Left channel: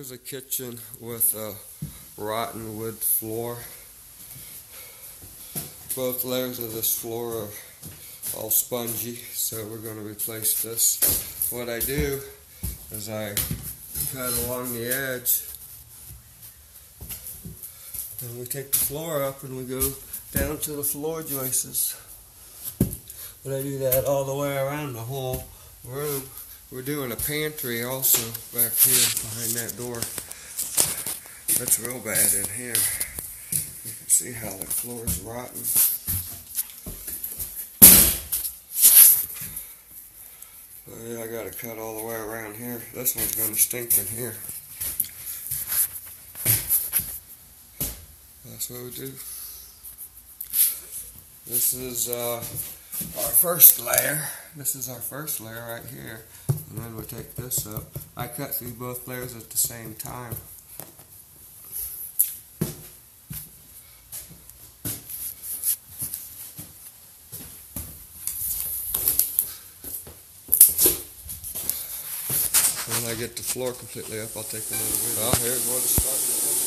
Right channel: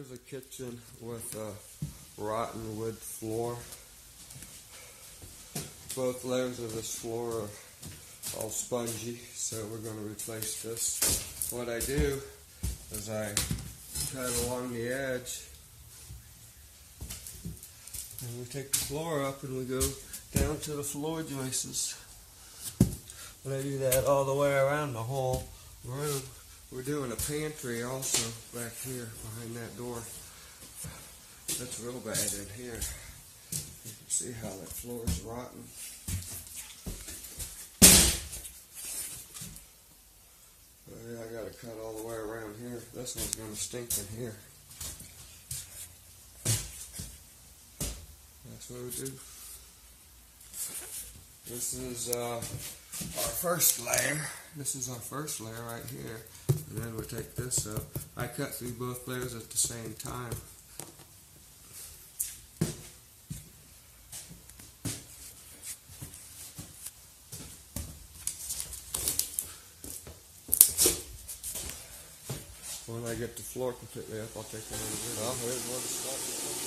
Here's a kitchen with a rotten wood floor. Both layers of this floor are all spongy, so we're going to replace this. What I do is I cut along the edge, and we take the floor up and we go down to the floor joists. But I do that all the way around the whole room. We're doing a pantry also back here behind that door. That's real bad in here. You can see how the floor is rotten. Oh yeah, I got to cut all the way around here. This one's going to stink in here. That's what we do. This is our first layer. This is our first layer right here. And then we take this up. I cut through both layers at the same time. When I get the floor completely up, I'll take a little bit. Well, here's what it's starting to look.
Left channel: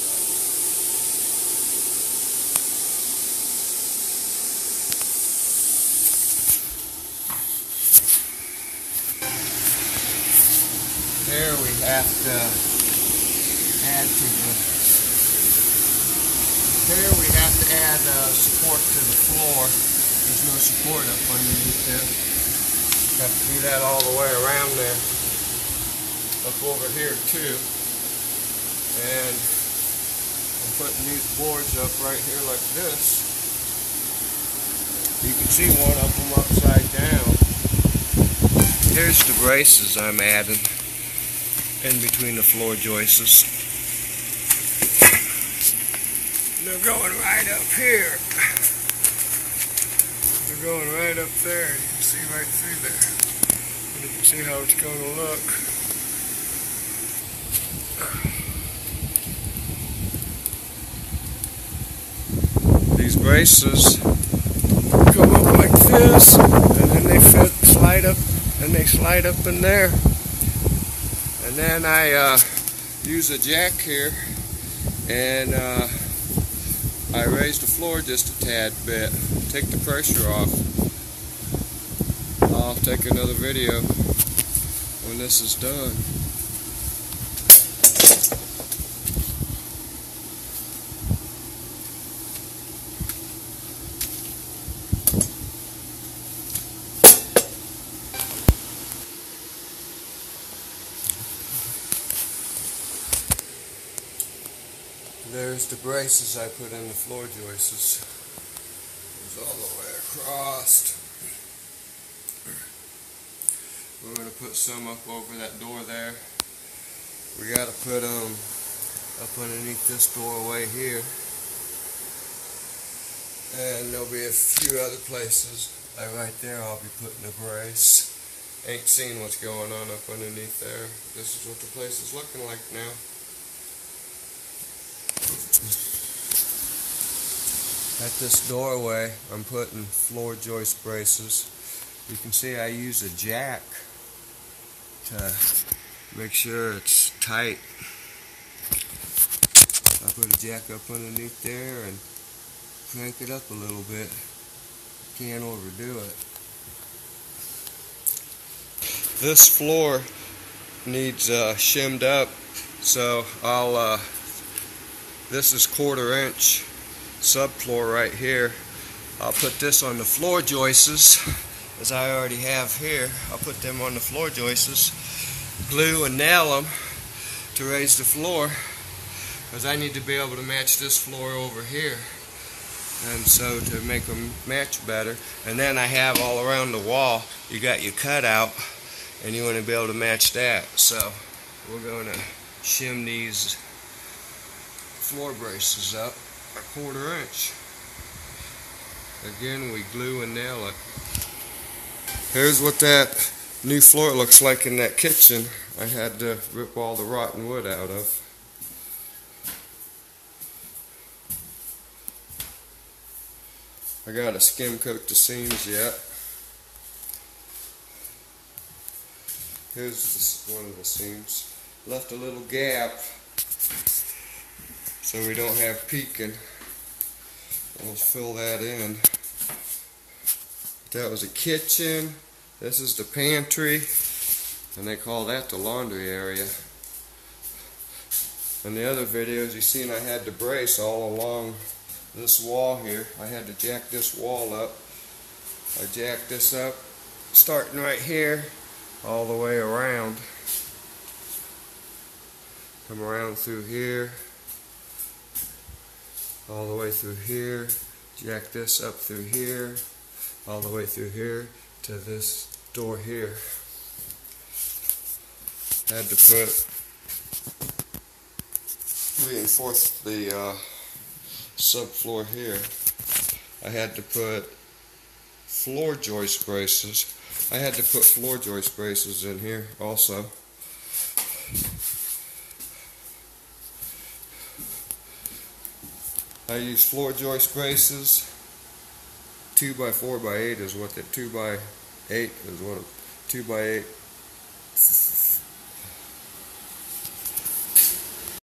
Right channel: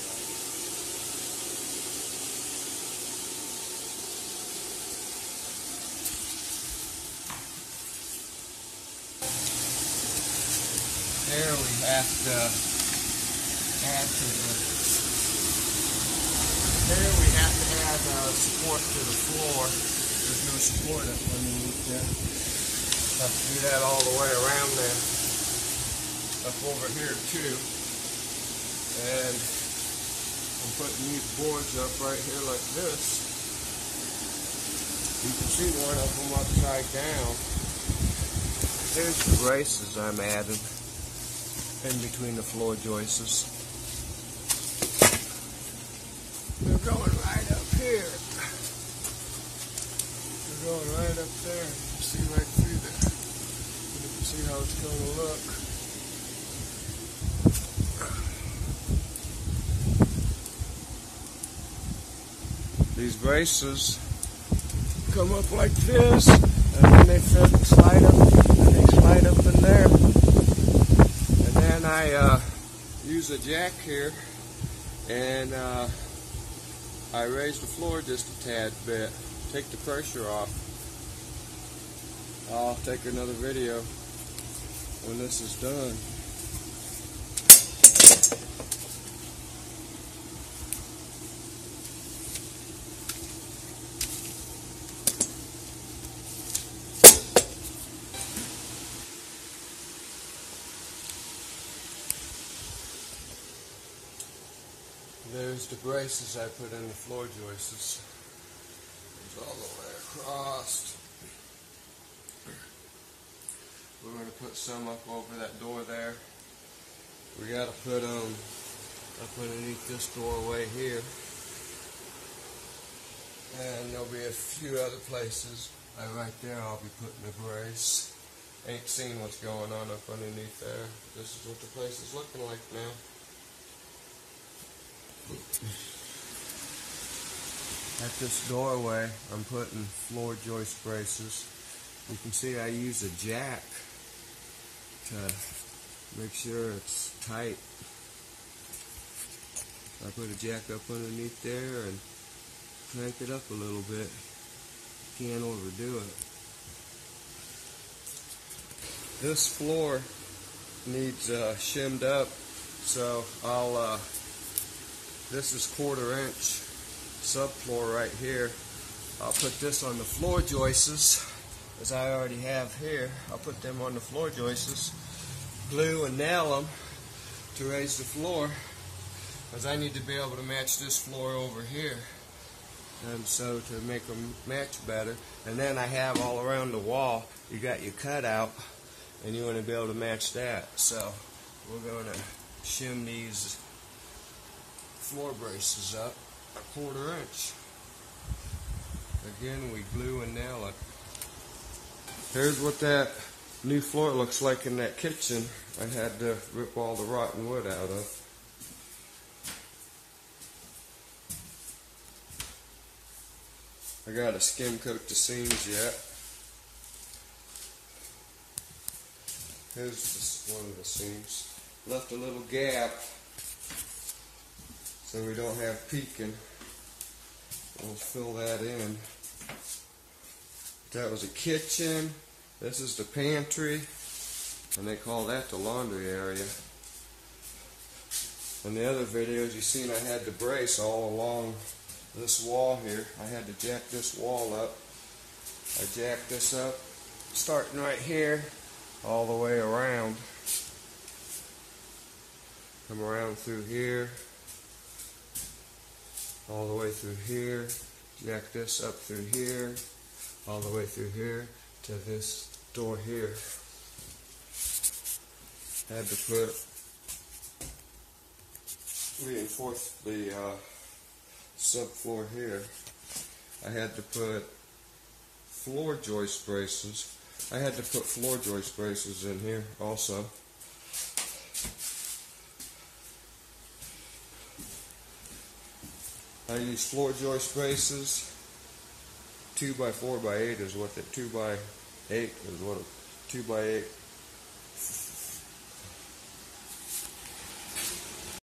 Here we have to add support to the floor. There's no support up underneath there. Have to do that all the way around there. Up over here too. And I'm putting these boards up right here like this. You can see one of them upside down. Here's the braces I'm adding in between the floor joists. They're going right up here. They're going right up there. You can see right through there. You can see how it's going to look. These braces come up like this, and then they slide up, and they slide up in there. And then I use a jack here, and I raise the floor just a tad bit, take the pressure off. I'll take another video when this is done. There's the braces I put in the floor joists. Goes all the way across. We're going to put some up over that door there. We got to put them up underneath this doorway here. And there'll be a few other places. Like right there I'll be putting a brace. Ain't seen what's going on up underneath there. This is what the place is looking like now. At this doorway, I'm putting floor joist braces. You can see I use a jack to make sure it's tight. I put a jack up underneath there and crank it up a little bit. Can't overdo it. This floor needs shimmed up, so this is 1/4 inch subfloor right here. I'll put this on the floor joists, as I already have here. I'll put them on the floor joists, glue and nail them to raise the floor, because I need to be able to match this floor over here, and so to make them match better. And then I have all around the wall, you got your cutout, and you want to be able to match that. So we're going to shim these floor braces up a 1/4 inch. Again, we glue and nail it. Here's what that new floor looks like in that kitchen. I had to rip all the rotten wood out of. I gotta skim coat the seams yet. Here's one of the seams. Left a little gap so we don't have peeking. We'll fill that in. That was a kitchen. This is the pantry, and they call that the laundry area. In the other videos you seen I had the brace all along this wall here. I had to jack this wall up. I jacked this up starting right here all the way around. Come around through here, all the way through here, jack this up through here, all the way through here to this door here. Had to reinforce the subfloor here. I had to put floor joist braces. I had to put floor joist braces in here also. I use floor joist braces. 2x4x8 is what the 2x8 is what 2x8